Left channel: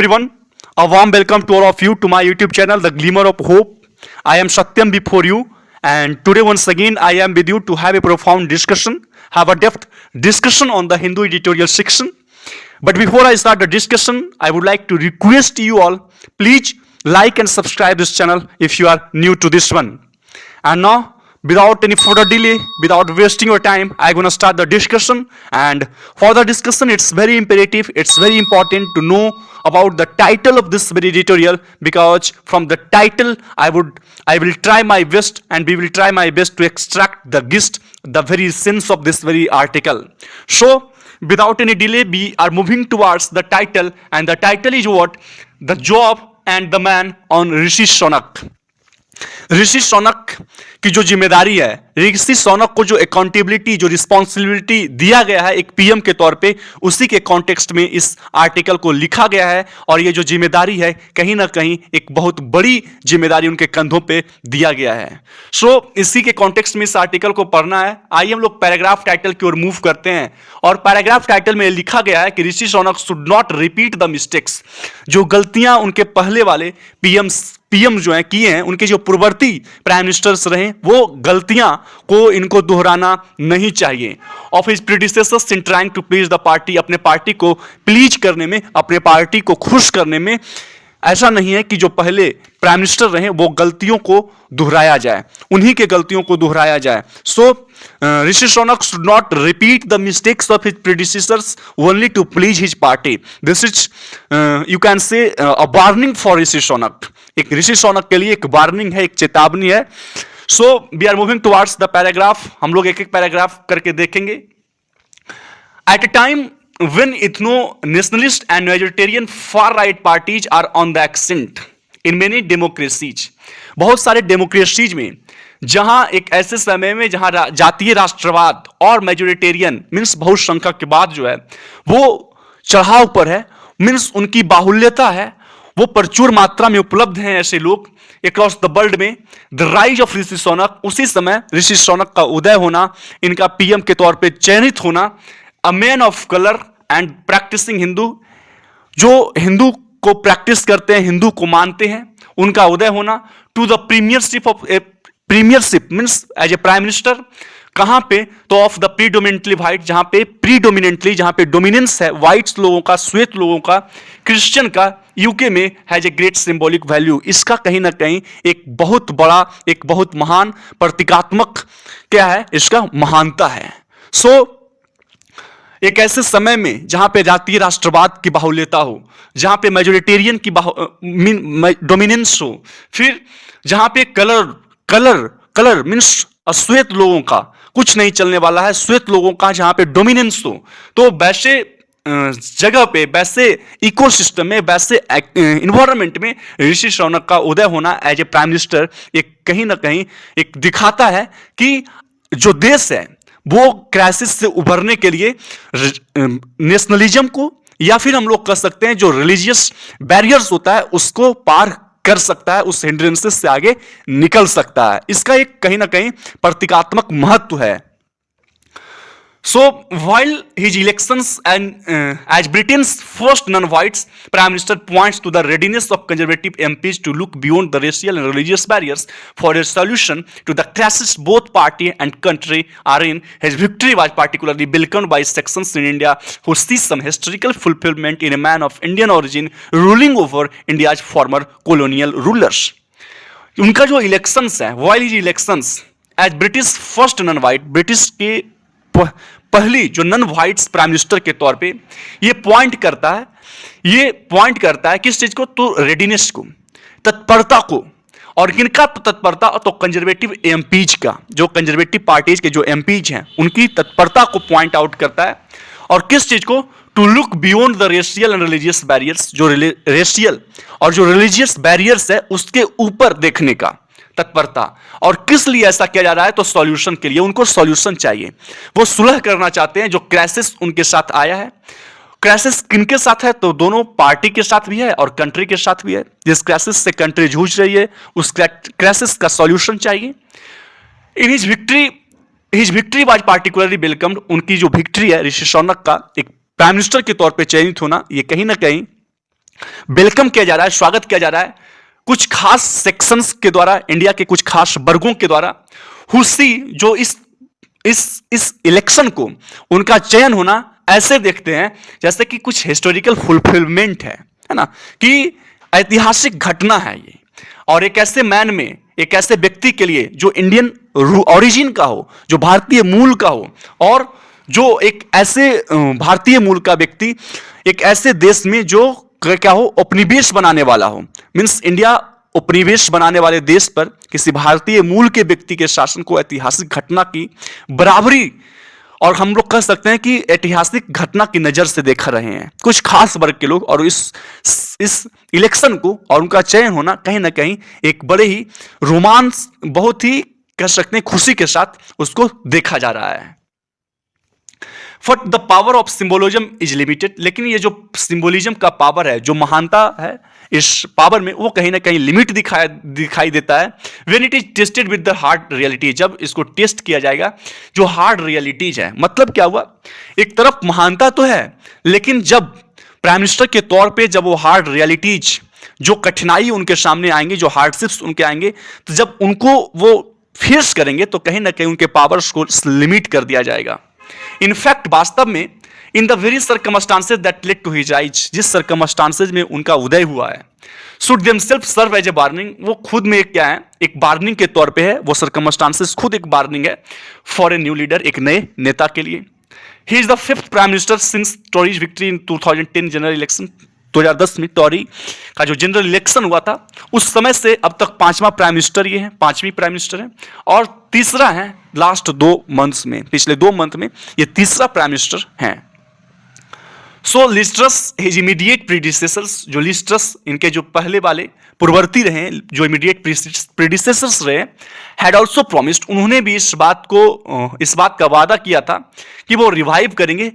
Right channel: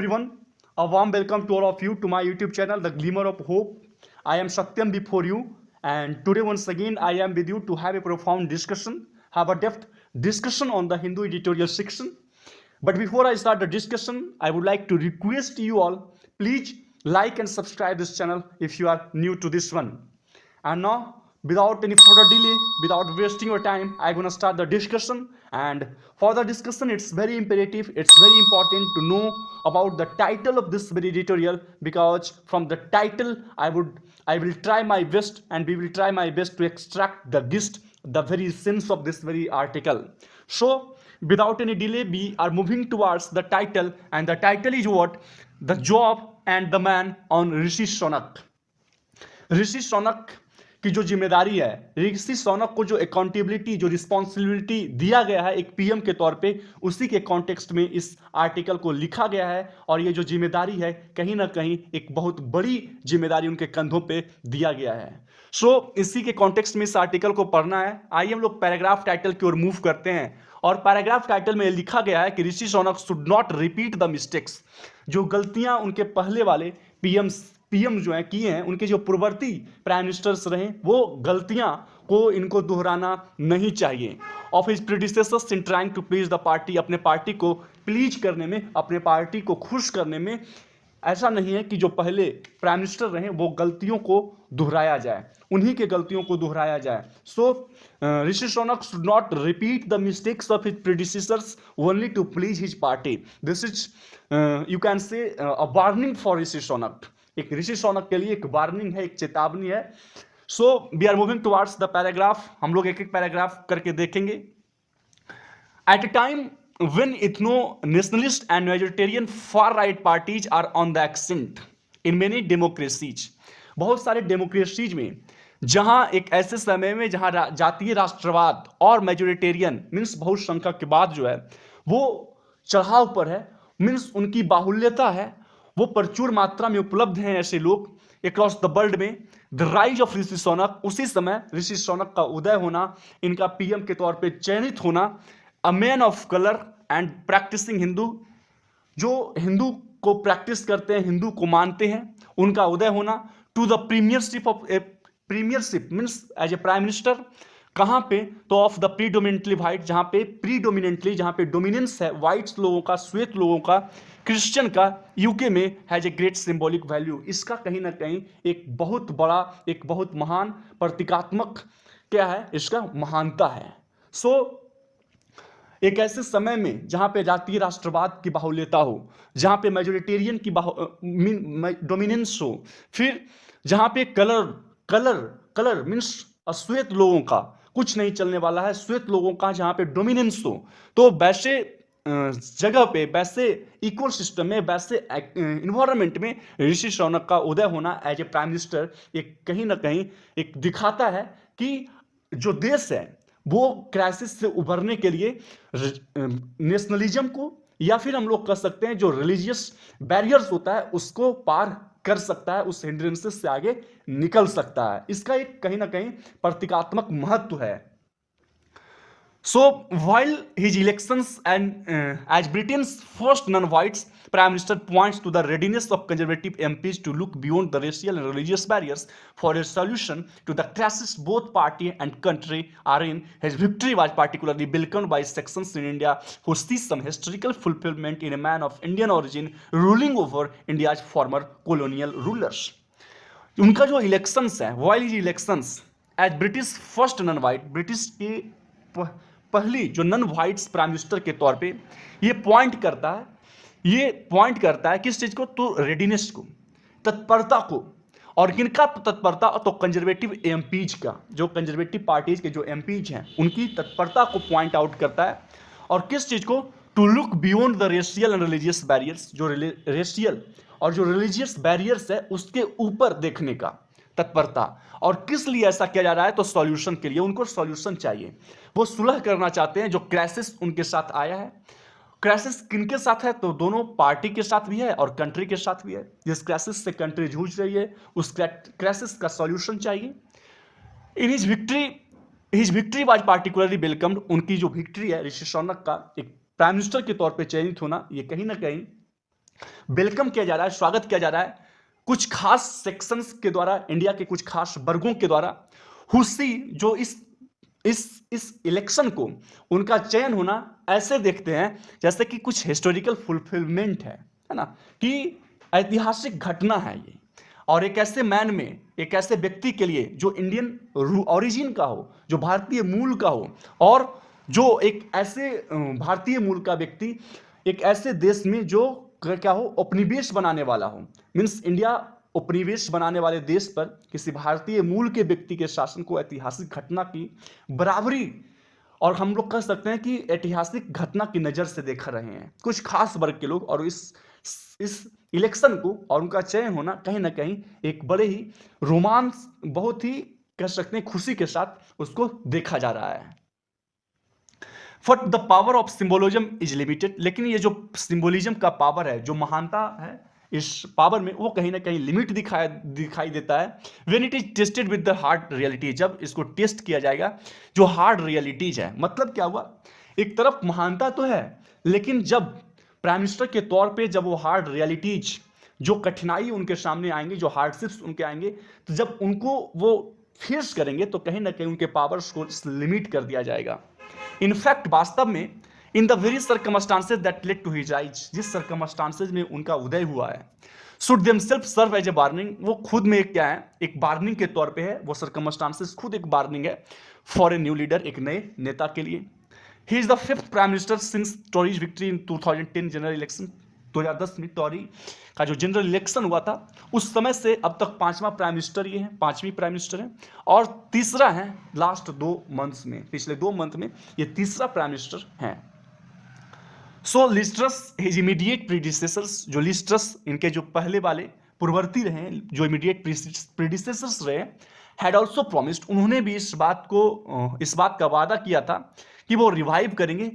Everyone, a warm welcome to all of you to my YouTube channel, The Glimmer of Hope. I am Satyam before you, and today once again I am with you to have a profound discussion, have a depth discussion on the Hindu editorial section. But before I start the discussion, I would like to request you all, please like and subscribe this channel if you are new to this one. And now, without any further delay, without wasting your time, I'm gonna start the discussion. And for the discussion, it's very imperative, it's very important to know about the title of this very editorial, because from the title I will try my best, and we will try my best to extract the gist, the very sense of this very article. So without any delay, we are moving towards the title, and the title is what? The Job and the Man on ऋषि शौनक. ऋषि शौनक की जो जिम्मेदारी है, ऋषि शौनक को जो accountability, जो responsibility दिया गया है एक पीएम के तौर पे, उसी के कॉन्टेक्स्ट में इस आर्टिकल को लिखा गया है. और ये जो जिम्मेदारी है कहीं ना कहीं एक बहुत बड़ी जिम्मेदारी उनके कंधों पे दिया गया है. सो इसी के कॉन्टेक्स्ट में इस आर्टिकल को पढ़ना है. आइए हम लोग पैराग्राफ टाइटल की ओर मूव करते हैं. और पैराग्राफ टाइटल में लिखा गया है कि Rishi Sunak should not repeat the mistakes. जो गलतियां उनके पहले वाले पीएम जो है किए हैं, उनके जो पूर्ववर्ती प्राइम मिनिस्टर्स रहे, वो गलतियां को इनको दोहराना नहीं चाहिए. Of his predecessors in trying to please the party, अपने पार्टी को प्लीज करने में, अपने पार्टी को खुश करने में, ऐसा नहीं है कि जो पहले प्राइम मिनिस्टर रहे वो गलतियों को दोहराया जाए, उन्हीं के गलतियों को दोहराया जाए. So Rishi Sunak should not repeat the mistakes of his predecessors only to please his party. This is you can say a warning for Rishi Sunak. एक ऋषि शौनक के लिए एक वार्निंग है, एक चेतावनी है. So we are moving towards the paragraph. हम लोग एक एक पैराग्राफ करके देखेंगे. At a time when ethno-nationalist and majoritarian far-right parties are on the ascent in many democracies, बहुत सारे डेमोक्रेसीज में, जहां एक ऐसे समय में जहां जातीय राष्ट्रवाद और मेजोरिटेरियन मीन्स बहुसंख्यक के बाद जो है वो चढ़ाव पर है, मीन्स उनकी बाहुल्यता है, वो प्रचुर मात्रा में उपलब्ध हैं ऐसे लोग अक्रॉस द वर्ल्ड में. द राइज ऑफ ऋषि शौनक, उसी समय ऋषि शौनक का उदय होना, इनका पीएम के तौर पे चयनित होना. A man of colour and practising Hindu, जो हिंदू को प्रैक्टिस करते हैं, हिंदू को मानते हैं, उनका उदय होना. To the premiership means as a prime minister. कहां पे? तो ऑफ द प्रीडोमिनेंटली व्हाइट, जहां पे प्रीडोमिनेंटली, जहां पे डोमिनेंस है व्हाइट्स लोगों का, श्वेत लोगों का, क्रिश्चियन का, यूके में has a great symbolic value. इसका कहीं ना कहीं एक बहुत बड़ा, एक बहुत महान प्रतीकात्मक क्या है, इसका महानता है. सो एक ऐसे समय में जहां पे जातीय राष्ट्रवाद की बाहुल्यता हो, जहां पे मेजोरिटेरियन की डोमिनेंस हो, फिर जहां पे कलर मीन्स अश्वेत लोगों का कुछ नहीं चलने वाला है, श्वेत लोगों का जहां पे डोमिनेंस हो, तो वैसे जगह पे, वैसे इकोसिस्टम में, वैसे इन्वायरमेंट में ऋषि शौनक का उदय होना एज ए प्राइम मिनिस्टर एक कहीं ना कहीं एक दिखाता है कि जो देश है वो क्राइसिस से उभरने के लिए नेशनलिज्म को, या फिर हम लोग कह सकते हैं जो रिलीजियस बैरियर्स होता है उसको पार कर सकता है, उस हिंड्रेंसेस से आगे निकल सकता है. इसका एक कहीं ना कहीं प्रतीकात्मक महत्व है. So while his elections and as Britain's first non-whites prime minister points to the readiness of conservative MPs to look beyond the racial and religious barriers for a solution to the crisis both party and country are in, his victory was particularly welcomed by sections in India who see some historical fulfillment in a man of Indian origin ruling over India's former colonial rulers. उनका जो elections है, while his elections as British first non-white, British के पहली जो non whites prime minister के तौर पे, ये पॉइंट करता है किस चीज को? तो रेडीनेस को, तत्परता को. और किनका तत्परता? तो कंजर्वेटिव एमपीज का, जो कंजर्वेटिव पार्टीज के जो एमपीज हैं उनकी तत्परता को पॉइंट आउट करता है. और किस चीज को? To look beyond the racial and religious barriers, जो रेशियल और जो रिलीजियस बैरियर्स है उसके ऊपर देखने का तत्परता. और किस लिए ऐसा किया जा रहा है? तो सॉल्यूशन के लिए. उनको सॉल्यूशन चाहिए, वो सुलह करना चाहते हैं जो क्राइसिस उनके साथ आया है. क्राइसिस किनके साथ है? तो दोनों पार्टी के साथ भी है और कंट्री के साथ भी है. जिस क्राइसिस से कंट्री जूझ रही है उस क्राइसिस का सॉल्यूशन चाहिए. In his victory was particularly welcomed. उनकी जो विक्ट्री है ऋषि शौनक का एक प्राइम मिनिस्टर के तौर पे चयनित होना, ये कहीं ना कहीं वेलकम किया जा रहा है, स्वागत किया जा रहा है कुछ खास सेक्शंस के द्वारा, इंडिया के कुछ खास वर्गों के द्वारा, हुसी जो इस इलेक्शन को उनका चयन होना ऐसे देखते हैं जैसे कि कुछ हिस्टोरिकल फुलफिलमेंट है ना, कि ऐतिहासिक घटना है ये, और एक ऐसे मैन में, एक ऐसे व्यक्ति के लिए जो इंडियन ओरिजिन का हो, जो भारतीय मूल का हो, और जो एक ऐसे भारतीय मूल का व्यक्ति एक ऐसे देश में जो क्या हो, उपनिवेश बनाने वाला हो, मीन्स इंडिया उपनिवेश बनाने वाले देश पर किसी भारतीय मूल के व्यक्ति के शासन को ऐतिहासिक घटना की बराबरी, और हम लोग कह सकते हैं कि ऐतिहासिक घटना की नजर से देख रहे हैं कुछ खास वर्ग के लोग, और इस इलेक्शन को और उनका चयन होना कहीं ना कहीं एक बड़े ही रोमांस, बहुत ही कह सकते हैं खुशी के साथ उसको देखा जा रहा है। But the power of symbolism is limited, लेकिन ये जो सिंबोलिज्म का पावर है, जो महानता है इस पावर में, वो कहीं ना कहीं लिमिट दिखाई देता है when it is tested with the hard reality, जब इसको टेस्ट किया जाएगा जो हार्ड रियलिटीज है। मतलब क्या हुआ, एक तरफ महानता तो है, लेकिन जब प्राइम मिनिस्टर के तौर पे जब वो हार्ड रियलिटीज, जो कठिनाई उनके सामने आएंगे, जो हार्डशिप्स उनके आएंगे, तो जब उनको वो फेस करेंगे तो कहीं ना कहीं उनके पावर्स को लिमिट कर दिया जाएगा। इनफैक्ट वास्तव में in the very circumstances that led to his rise, जिस सर्कमस्टांसेज में उनका उदय हुआ है, should themself serve as a warning, वो खुद में एक क्या है, एक वार्निंग के तौर पे है, वो सर्कमस्टांसेज खुद एक वार्निंग है फॉर ए न्यू लीडर, एक नए नेता के लिए। He is the fifth prime minister since Tories victory in 2010 general election, 2010 में टोरी का जो जनरल इलेक्शन हुआ था, उस समय से अब तक पांचवा प्राइम मिनिस्टर ये है, पांचवी प्राइम मिनिस्टर है, और तीसरा है लास्ट 2 मंथ्स में, पिछले 2 मंथ में ये तीसरा प्राइम मिनिस्टर है। सो लिस्ट्रस हिज इमीडिएट प्रीडिसेसर्स, जो लिस्ट्रस इनके जो पहले वाले पूर्ववर्ती रहे, जो इमीडिएट प्रीडिसेसर्स रहे, हैड ऑल्सो प्रोमिस्ड, उन्होंने भी इस बात का वादा किया था कि वो रिवाइव करेंगे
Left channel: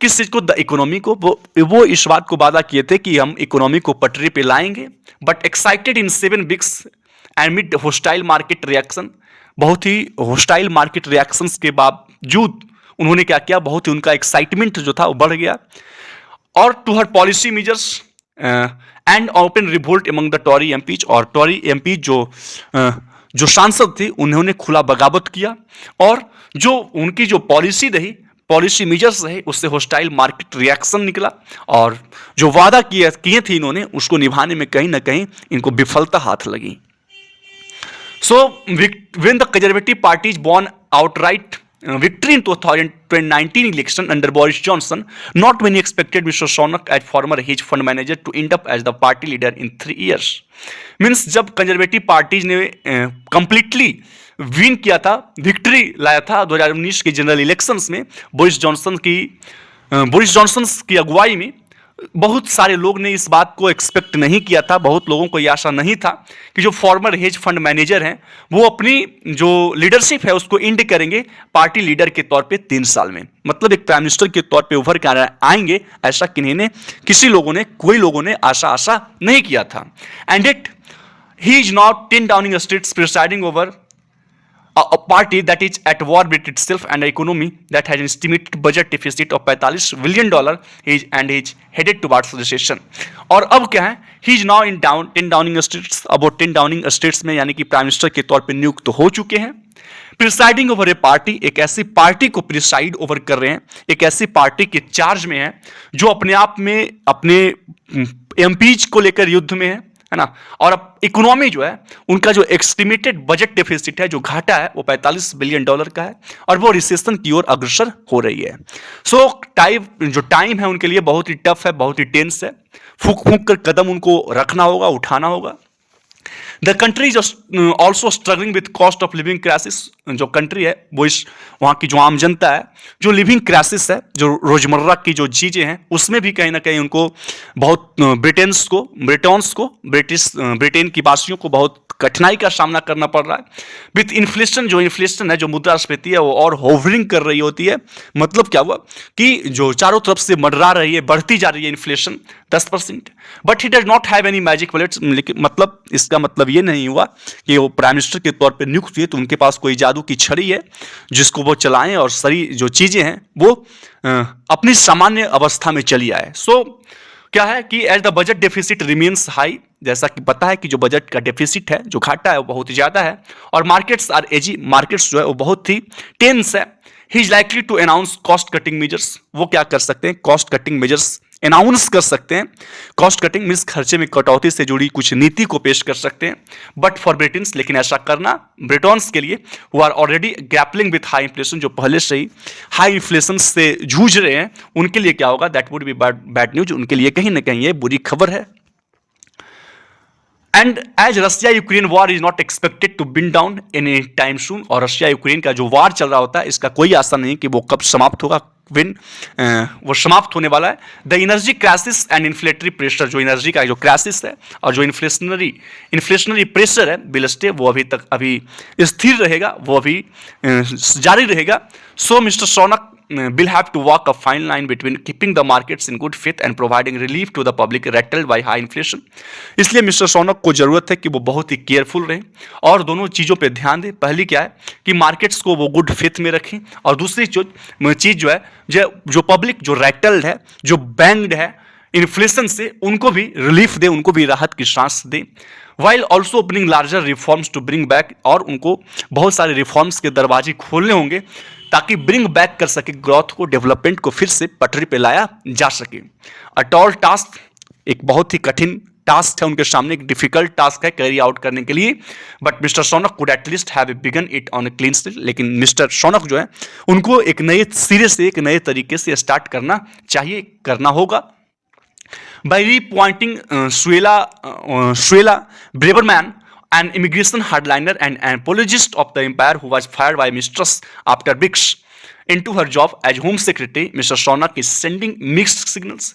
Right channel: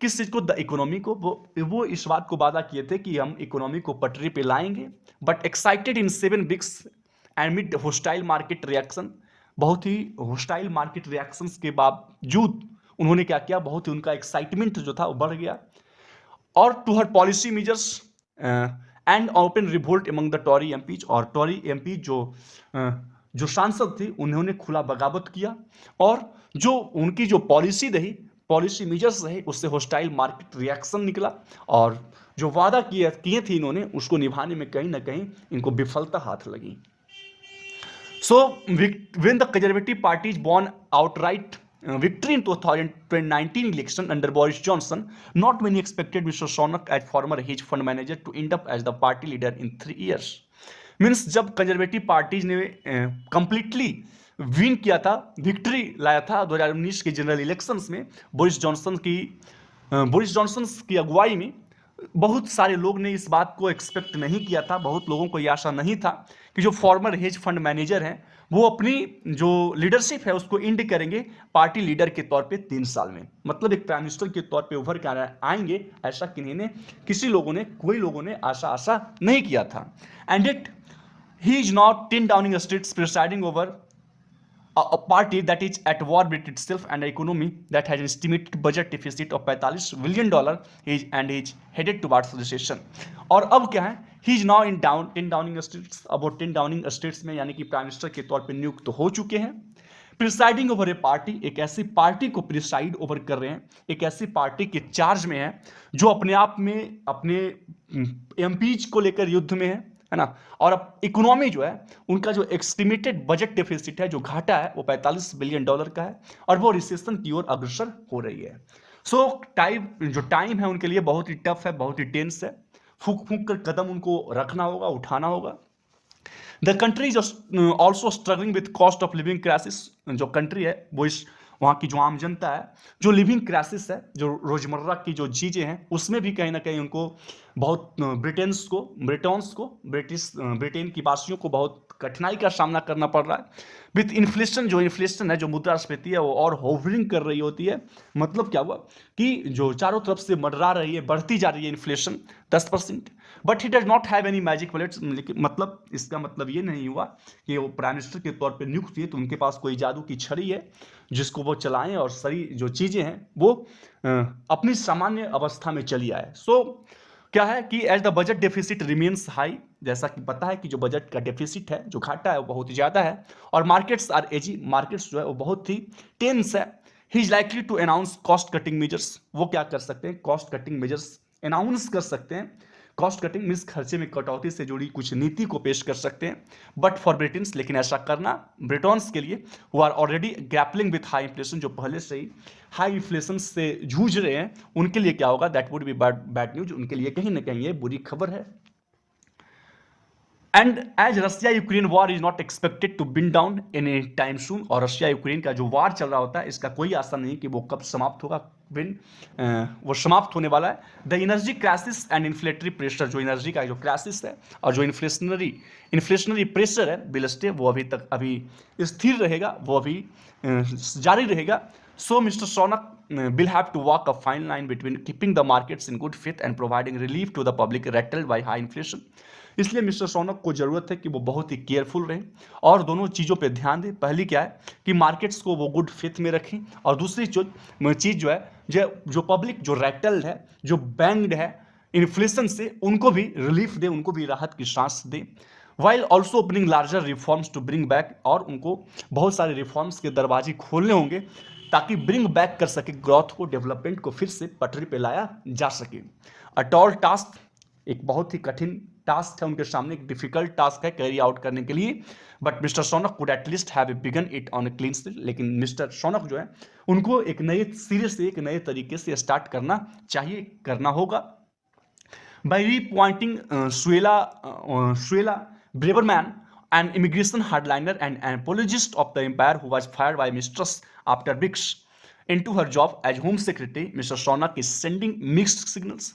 किस चीज को, द इकोनॉमी को, वो इस बात को वादा किए थे कि हम इकोनॉमी को पटरी पे लाएंगे। But excited in 7 weeks एमिड hostile market reaction, बहुत ही होस्टाइल मार्केट रिएक्शंस के बावजूद उन्होंने क्या किया, बहुत ही उनका एक्साइटमेंट जो था वो बढ़ गया, और to her policy measures and open revolt among the Tory MPs, और टॉरी एमपी जो सांसद थे उन्होंने खुला बगावत किया, और जो उनकी जो पॉलिसी रही, पॉलिसी मेजर्स रहे, उससे होस्टाइल मार्केट रिएक्शन निकला, और जो वादा किए थे इन्होंने उसको निभाने में कहीं ना कहीं इनको विफलता हाथ लगी। So when the conservative party is born outright victory in 2019 election under Boris Johnson, not many expected Mr. Sunak as former hedge fund manager to end up as the party leader in 3 years. Means जब conservative parties ने completely win किया था, victory लाया था 2019 के general elections में, Boris Johnson की अगुवाई में, बहुत सारे लोग ने इस बात को एक्सपेक्ट नहीं किया था, बहुत लोगों को यह आशा नहीं था कि जो फॉर्मर हेज फंड मैनेजर हैं वो अपनी जो लीडरशिप है उसको इंड करेंगे पार्टी लीडर के तौर पे 3 साल में, मतलब एक प्राइम मिनिस्टर के तौर पे उभर कर आएंगे, ऐसा कोई लोगों ने आशा नहीं किया था। And it he is not 10 Downing streets presiding over a party that is at war with itself and an economy that has an estimated budget deficit of $45 billion and is headed towards recession. और अब क्या है, he is now in 10 downing streets, अब 10 downing streets में यानी कि prime minister के तौर पे नियुक्त हो चुके हैं। प्रिसाइडिंग ओवर ए पार्टी, एक ऐसी पार्टी को प्रिसाइड ओवर कर रहे हैं, एक ऐसी पार्टी के चार्ज में है जो अपने आप में अपने एमपीज को लेकर युद्ध में है ना, और अब इकोनॉमी जो है उनका जो एस्टिमेटेड बजट डेफिसिट है, जो घाटा है, वो $45 बिलियन का है, और वो रिसेशन की ओर अग्रसर हो रही है। सो टाइम है उनके लिए बहुत ही टफ है, बहुत ही टेंस है, फूक कर कदम उनको रखना होगा, उठाना होगा। The country is also struggling with cost of living crisis, जो कंट्री है वो वहाँ की जो आम जनता है, जो लिविंग क्राइसिस है, जो रोजमर्रा की जो चीज़ें हैं, उसमें भी कहीं ना कहीं उनको बहुत ब्रिटेन की वासियों को बहुत कठिनाई का सामना करना पड़ रहा है। विथ इन्फ्लेशन, जो इन्फ्लेशन है, जो मुद्रास्फीति है, वो और होवरिंग कर रही होती है। मतलब क्या हुआ कि जो चारों तरफ से मंडरा रही है, बढ़ती जा रही है inflation 10%, but he does not have any magic bullets, मतलब इसका मतलब ये नहीं हुआ कि वो प्राइम मिनिस्टर के तौर पे नियुक्त हुए तो उनके पास कोई जादू की छड़ी है जिसको वो चलाएं और सारी जो चीज़ें हैं वो अपनी सामान्य अवस्था में चली आए। सो क्या है कि as the budget deficit remains high, जैसा कि पता है कि जो बजट का डेफिसिट है, जो घाटा है, वो बहुत ही ज़्यादा है, और मार्केट्स आर एजी, मार्केट्स जो है वो बहुत ही टेंस है। He is likely to announce cost cutting measures, वो क्या कर सकते हैं, कॉस्ट कटिंग मेजर्स अनाउंस कर सकते हैं। कॉस्ट कटिंग मीन्स खर्चे में कटौती से जुड़ी कुछ नीति को पेश कर सकते हैं। बट फॉर ब्रिटेन्स, लेकिन ऐसा करना ब्रिटॉन्स के लिए वो are already grappling with high inflation, जो पहले से ही हाई इन्फ्लेशन से जूझ रहे हैं, उनके लिए क्या होगा, that would be bad news, उनके लिए कहीं ना कहीं ये बुरी खबर है। And as Russia Ukraine war is not expected to बिन डाउन एनी टाइम सून, और रशिया यूक्रेन का जो वार चल रहा होता है, इसका कोई आशा नहीं कि वो कब समाप्त होगा, वो समाप्त होने वाला है। The energy crisis and inflationary pressure, जो एनर्जी का जो क्राइसिस है और जो इन्फ्लेशनरी प्रेशर है, विल स्टे, वो अभी स्थिर रहेगा, वो अभी जारी रहेगा। So mister Sunak will have to walk a fine line between keeping the markets in good faith and providing relief to the public rattled by high inflation। इसलिए मिस्टर सोनक को जरूरत है कि वो बहुत ही केयरफुल रहें और दोनों चीज़ों पे ध्यान दें। पहली क्या है कि मार्केट्स को वो गुड फेथ में रखें, और दूसरी चीज़ जो है, जो पब्लिक जो रैटल्ड है, जो बैंग्ड है इन्फ्लेशन से, उनको भी रिलीफ दें, उनको भी राहत की सांस दें। While also opening larger reforms to bring back, और उनको बहुत सारे रिफॉर्म्स के दरवाजे खोलने होंगे ताकि ब्रिंग बैक कर सके ग्रोथ को, डेवलपमेंट को फिर से पटरी पे लाया जा सके। अ टॉल टास्क, एक बहुत ही कठिन टास्क है उनके सामने, एक डिफिकल्ट टास्क है कैरी आउट करने के लिए। But mister Shaunak could at least have begun it on a clean slate, लेकिन मिस्टर सोनक जो है उनको एक नए सिरे से, एक नए तरीके से स्टार्ट करना चाहिए, करना होगा। By reappointing Suella Braverman, an immigration hardliner and an apologist of the empire who was fired by mistress after weeks into her job as home secretary, Mr. Sunak is sending mixed signals।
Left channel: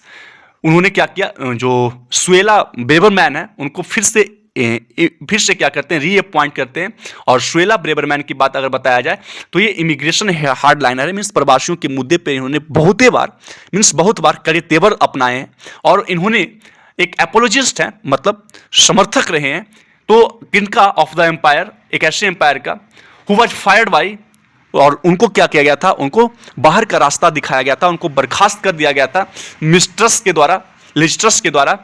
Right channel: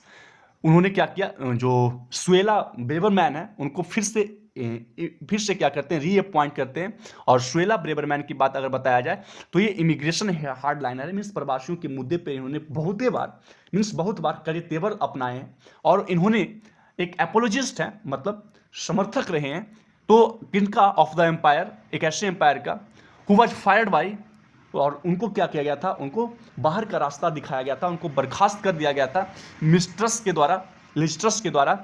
उन्होंने क्या किया, जो Suella Braverman है उनको फिर से क्या करते हैं, रीअपॉइंट करते हैं। और सुएला ब्रेवरमैन की बात अगर बताया जाए तो ये इमिग्रेशन हार्ड लाइनर है, मीन्स प्रवासियों के मुद्दे पे इन्होंने बहुत बार कड़े तेवर अपनाए हैं, और इन्होंने एक एपोलॉजिस्ट है, मतलब समर्थक रहे हैं। तो किनका, ऑफ द एम्पायर, एक ऐसे एम्पायर का, हु वाज फायर्ड बाई, और उनको क्या किया गया था, उनको बाहर का रास्ता दिखाया गया था, उनको बर्खास्त कर दिया गया था लिस्ट्रस के द्वारा,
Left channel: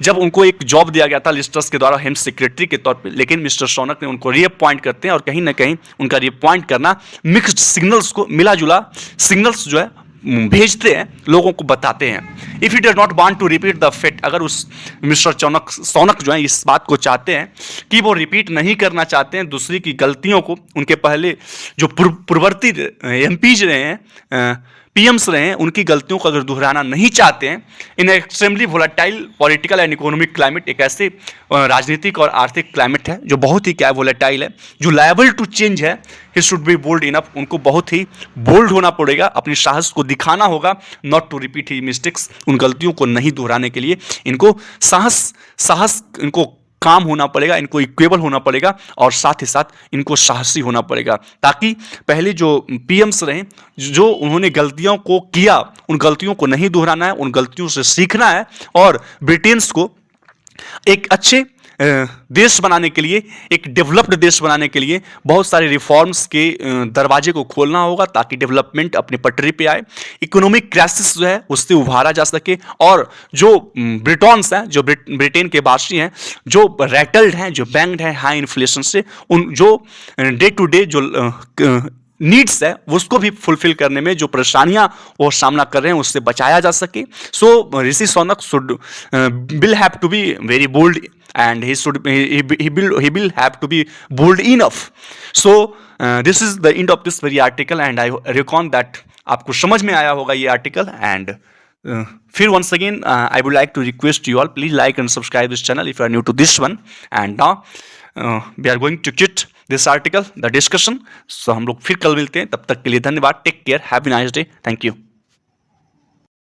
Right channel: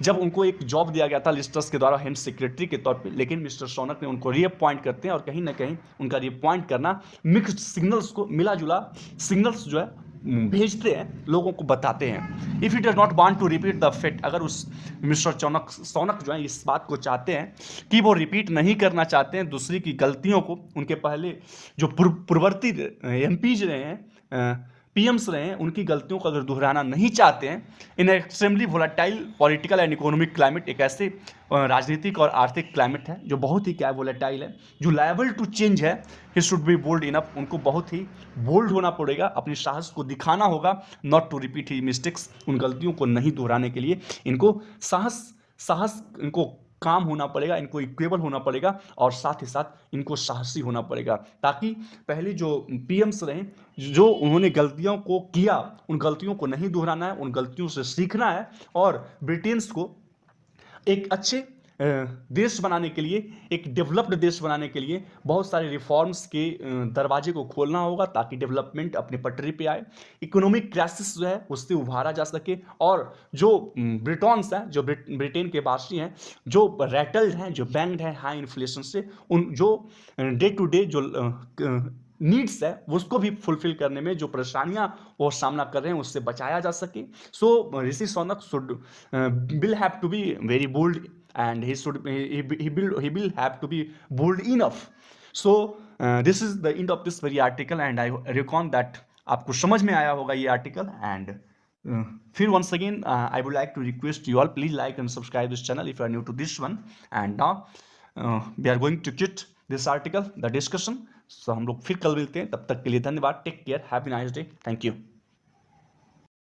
जब उनको एक जॉब दिया गया था लिस्ट्रस के द्वारा हेम सेक्रेटरी के तौर पे। लेकिन मिस्टर सोनक ने उनको रीअपॉइंट करते हैं, और कहीं ना कहीं उनका रीअपॉइंट करना मिक्स्ड सिग्नल्स को, मिला जुला सिग्नल्स जो है भेजते हैं, लोगों को बताते हैं। If he does not want to repeat the fate, अगर उस मिस्टर सोनक जो है इस बात को चाहते हैं कि वो रिपीट नहीं करना चाहते हैं दूसरी की गलतियों को, उनके पहले जो पूर्ववर्ती एमपीज रहे हैं, पीएम्स रहे हैं, उनकी गलतियों को अगर दोहराना नहीं चाहते हैं, in extremely volatile political and economic climate, एक ऐसे राजनीतिक और आर्थिक क्लाइमेट है जो बहुत ही क्या वोलेटाइल है, जो लायबल टू चेंज है, he should be bold enough, उनको बहुत ही बोल्ड होना पड़ेगा, अपनी साहस को दिखाना होगा, not to repeat he mistakes, उन गलतियों को नहीं दोहराने के लिए इनको साहस इनको काम होना पड़ेगा, इनको इक्वेबल होना पड़ेगा, और साथ ही साथ इनको साहसी होना पड़ेगा, ताकि पहले जो पीएम्स रहे, जो उन्होंने गलतियों को किया, उन गलतियों को नहीं दोहराना है, उन गलतियों से सीखना है, और ब्रिटेन्स को एक अच्छे देश बनाने के लिए, एक डेवलप्ड देश बनाने के लिए बहुत सारे रिफॉर्म्स के दरवाजे को खोलना होगा, ताकि डेवलपमेंट अपने पटरी पे आए, इकोनॉमिक क्राइसिस जो है उससे उभारा जा सके, और जो ब्रिटॉन्स हैं, जो ब्रिटेन के वासी हैं, जो रैटल्ड हैं, जो बैंग्ड हैं हाई इन्फ्लेशन से, उन जो डे टू डे जो नीड्स है उसको भी फुलफिल करने में जो परेशानियां वो सामना कर रहे हैं उससे बचाया जा सके। So Rishi Sunak should will have to be very bold, and he will have to be bold enough। So this is the end of this very article, and I reckon that आपको समझ में आया होगा ये आर्टिकल। एंड फिर once again I would like to request you all, please like and subscribe this channel if you are new to this one। and now we are going to quit this article, the discussion। so हम लोग फिर कल मिलते हैं, तब तक के लिए धन्यवाद, take care, have a nice day, thank you.